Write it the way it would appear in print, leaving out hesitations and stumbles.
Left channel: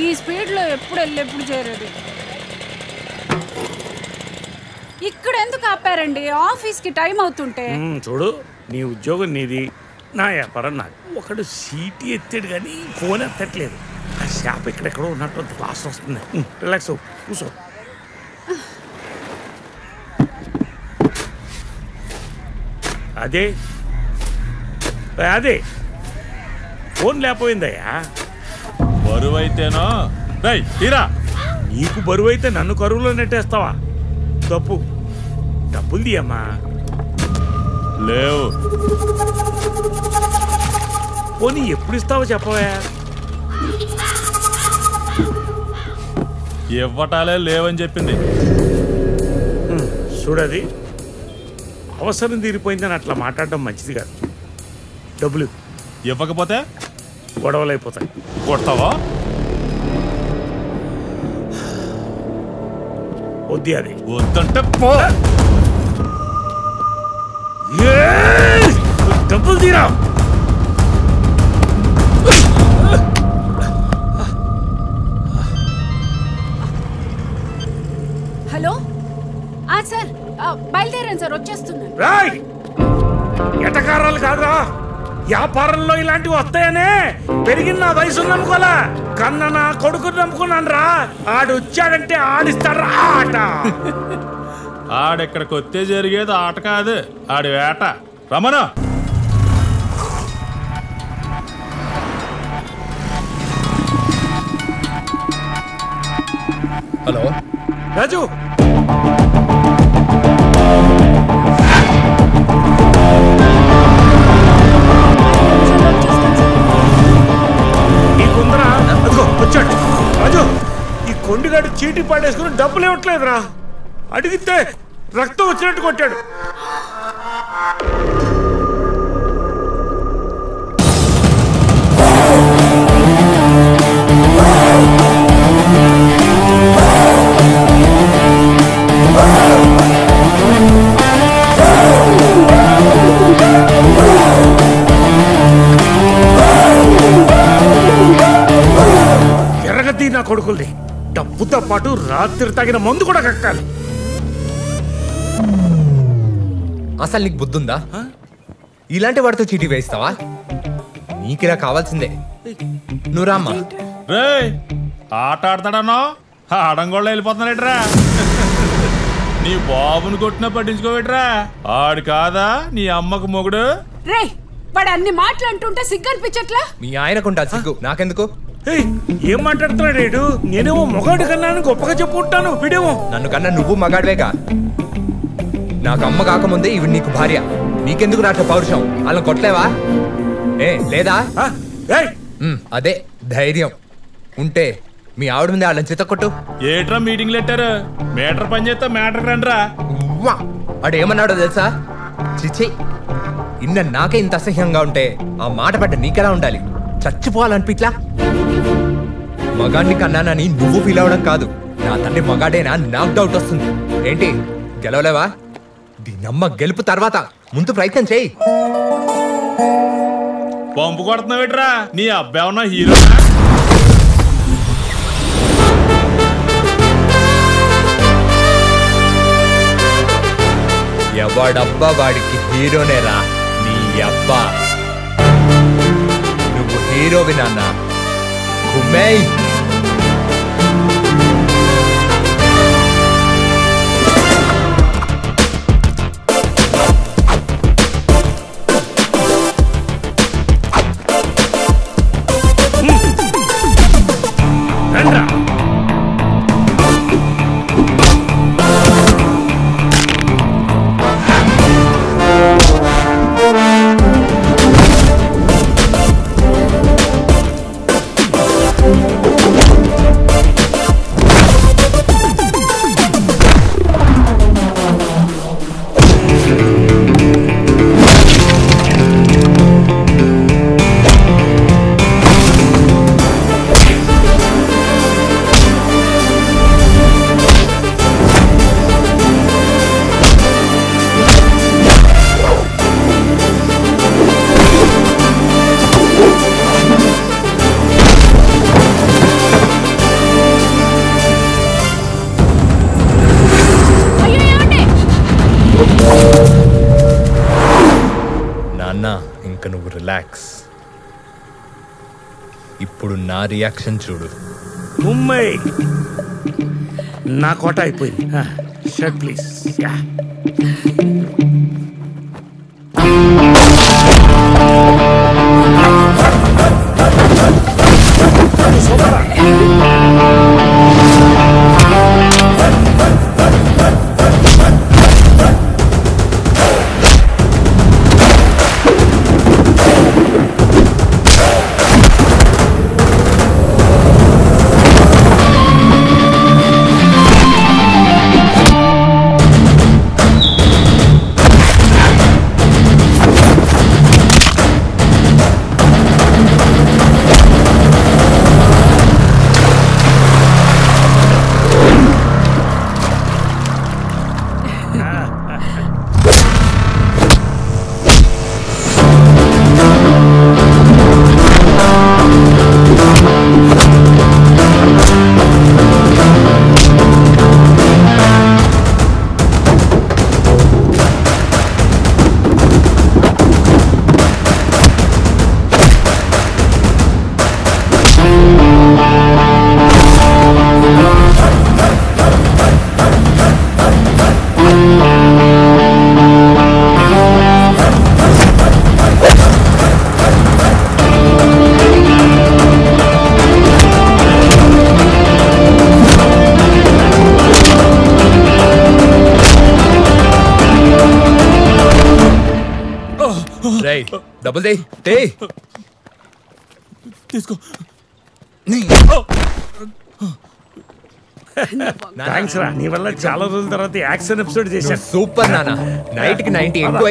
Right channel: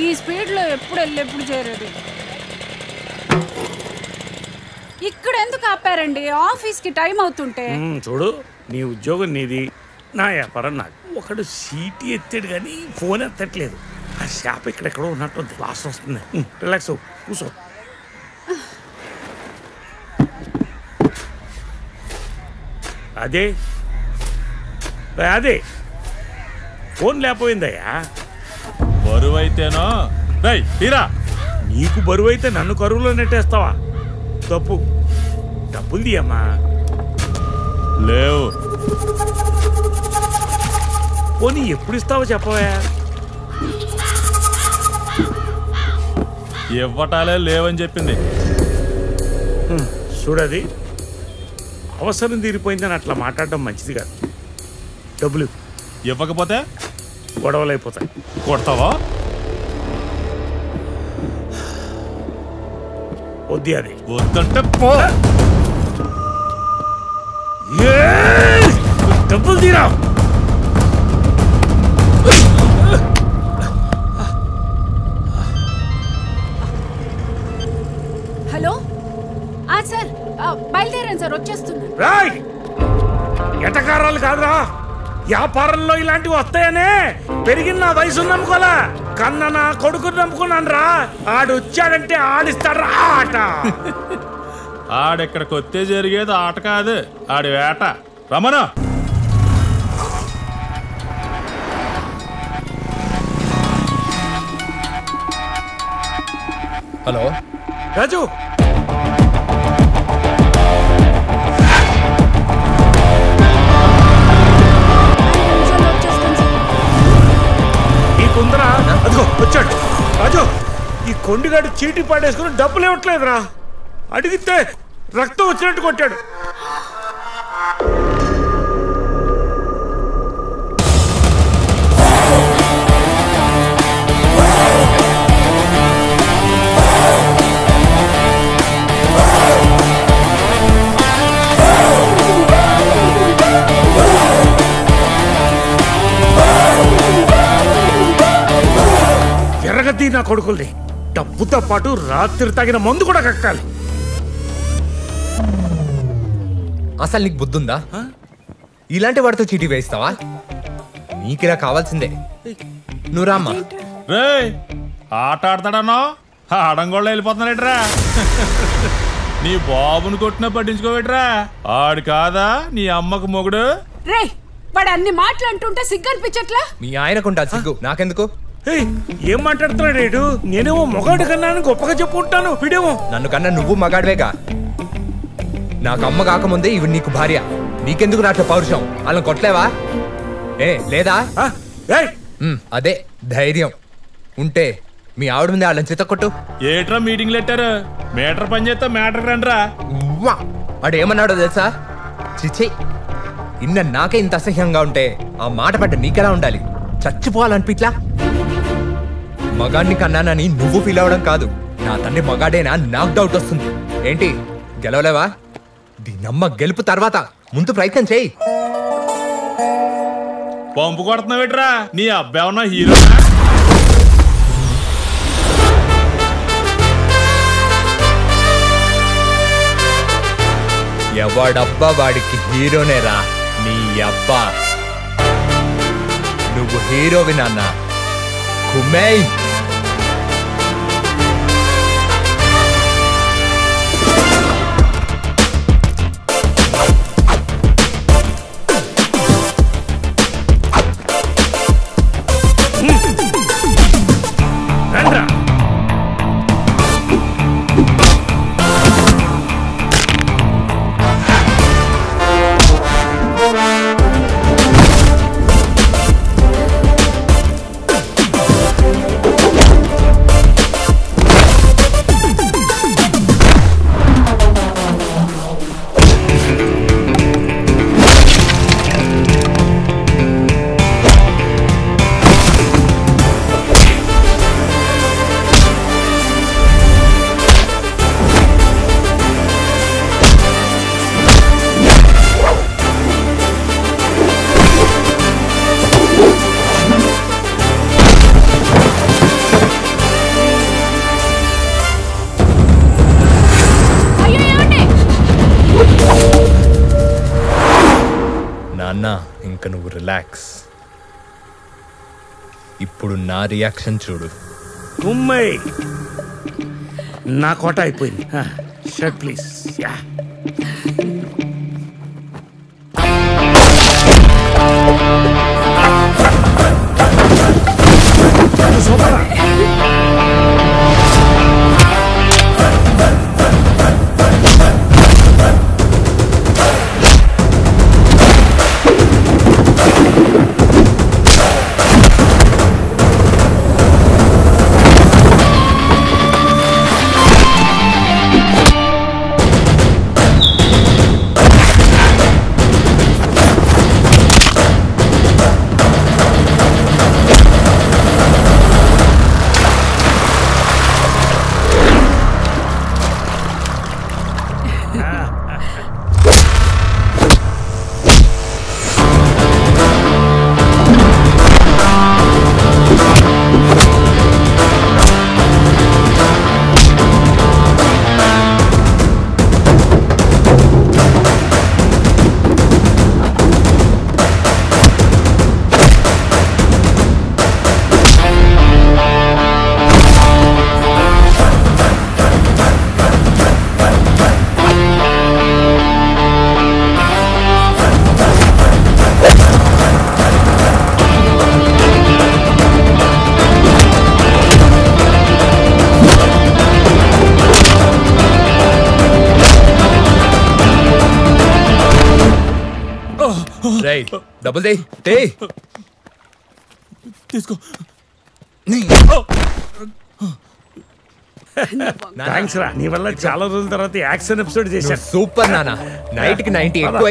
ఈ స్పీడ్లో ఎప్పుడు ఎప్పుడు చేరేది. ఇక్కడ ఎందుకు ఆపారండి? ఆఫీస్కి టైం అవుతుంటే. చూడు, నీ ఉద్యోగం నీది, నా వ్యాపారం నాది. ఒకడు సీటీ ఎత్తాడు కానీ ఫోన్ ఎత్తట్లేదు. ఆ షాప్ ఎక్కడెక్కడో ఉన్నట్టు క్లాస్ వస్తుంది. రిలాక్స్ అవ్వు, కూర్చో. అదే అదే ఫోన్ లేకపోయిందయ్యా. బరువైతేనో తీరా. నీకు బరువు అయితే నన్ను కరువులో నెట్టేస్తావా? తప్పు. డబ్బులు తీయమ్మా. లేవు. పోనీ ఎప్పుడు ఇస్తావో చెప్పవా? ఇవ్వటాలే లేవని చెప్పింది. చూడది, అవసరం తీరిపోయిందని అట్లా మాట్లాడడం మంచిది కాదు. డబ్బులు ఇవ్వకపోతే గొడవలు అయిపోతాయి. కొడతావా? వద్ది. అది వద్దంటే పో. డబ్బులు తీరా. హలో సార్, బయలుదేరాను సార్, వచ్చేస్తున్నాను. రాయ్, ఎటకారాలు కాదురా, వ్యాపారంలో ఇలాంటివి వస్తాయనే పెరిగిన నా వయసు నమ్ముకోలే. కన్న నా కొడుకుని నమ్ముకున్నాను రా. ఆడు వచ్చాడంటే ఆడిస్తాడు ఆట. ఆడెక్కడికి వస్తే జరిగేది ఆట కాదు, ఆడి వేట. రమణ, హలో రాజు, నీకుందరా? అదిగో వచ్చాడు రాజు. ఈ కొండిగాడు చీటీ పాడేసుకుని డబ్బులు ఇవ్వట్లేదురా. అడిగితే రక్తం వచ్చినట్టు కొట్టాడు. ఎర్రగద్ది నా కొడుకుల్ని. డబ్బుతో పాటు రాత్రి తగిన మందు కూడా కక్కాలి. అసలు నీకు బుద్ధుందా? ఇలాంటి వాడితో చీటీ వేయిస్తావా? నీకిలా కావాల్సిందే. నువ్వు రామ్మా. రే, ఆట ఆడతాడన్నా ఆడంగోళ్ళు వెళ్ళిపోతున్నాడేట్రా. నీ బాబుని కొట్టినా పట్టించుకోవేట్రా. ఆడు కాదా నీ అమ్మకు మొగుడు? రే, వాడు అన్ని మాట్లాడుతుంటే సిగ్గు అనిపించట్లా? మీ ఆయనకుంటా సిగ్గు, నాకెందుకు? ఏం మాట్లాడుతున్నాడు ఏడు? నేనేమో మొగాడు కన్నా గొప్పగా చెప్పుకుంటాను, వీడేమో నన్ను కన్నా నువ్వు మగాడివేగా. నాకు అమ్మ కాకముందే ఇవి నీకు భార్య. నీకెందుకు రాట్ల పౌరుషం? వాళ్ళని కొట్టలేవా? లేదా? అదే ధైర్యం ఉంటే మీ ఆవిడ ముందే వాళ్ళని చితకొట్టు. ఏట్రా మీటింగ్లు పెట్టారు? మీటర్ పని చేస్తా మ్యాటర్ రండ్రా. ఆడేమన్నాడో తెలుసా? చిచ్చి, ఇన్న నాకే ఇంత అసహ్యంగా ఉంటే ఆ మాట పడ్డ నీకెలా ఉండాలి? చచ్చిపోవాలనిపిట్లా? మగాడిని కన్నానని నువ్వు ఫీల్ అవడం కాదు, నా తండ్రి మగాడేనా నాకు డౌట్ వస్తుంది. ఏంటి గెలవలేవా? దీనమ్మ గెలుపు తర్వాత ముందు ప్రయత్నం చేయి. పంపు కొడుతున్నావేట్రా? నీ అబ్బాయి ఉన్న హీరో. ఎవడబ్బా వాడికి హీరోనేరా నీ అబ్బా. నువ్వు హీరోవి నాన్న. కుమ్మేయ్. రండ్రా. నాన్న ఇంక నువ్వు రిలాక్స్. ఇప్పుడు నా రియాక్షన్ చూడు. కుమ్మై నా కోట అయిపోయింది. Shirt please. Yeah super. Double they తీసుకో. థ్యాంక్స్ రా, నీ వల్ల చాలా రోజుల తర్వాత యాక్షన్ ఎపిసోడ్ చేశాను. సూపర్ నాన్న. నైట్ కి 90 ఎక్కువ.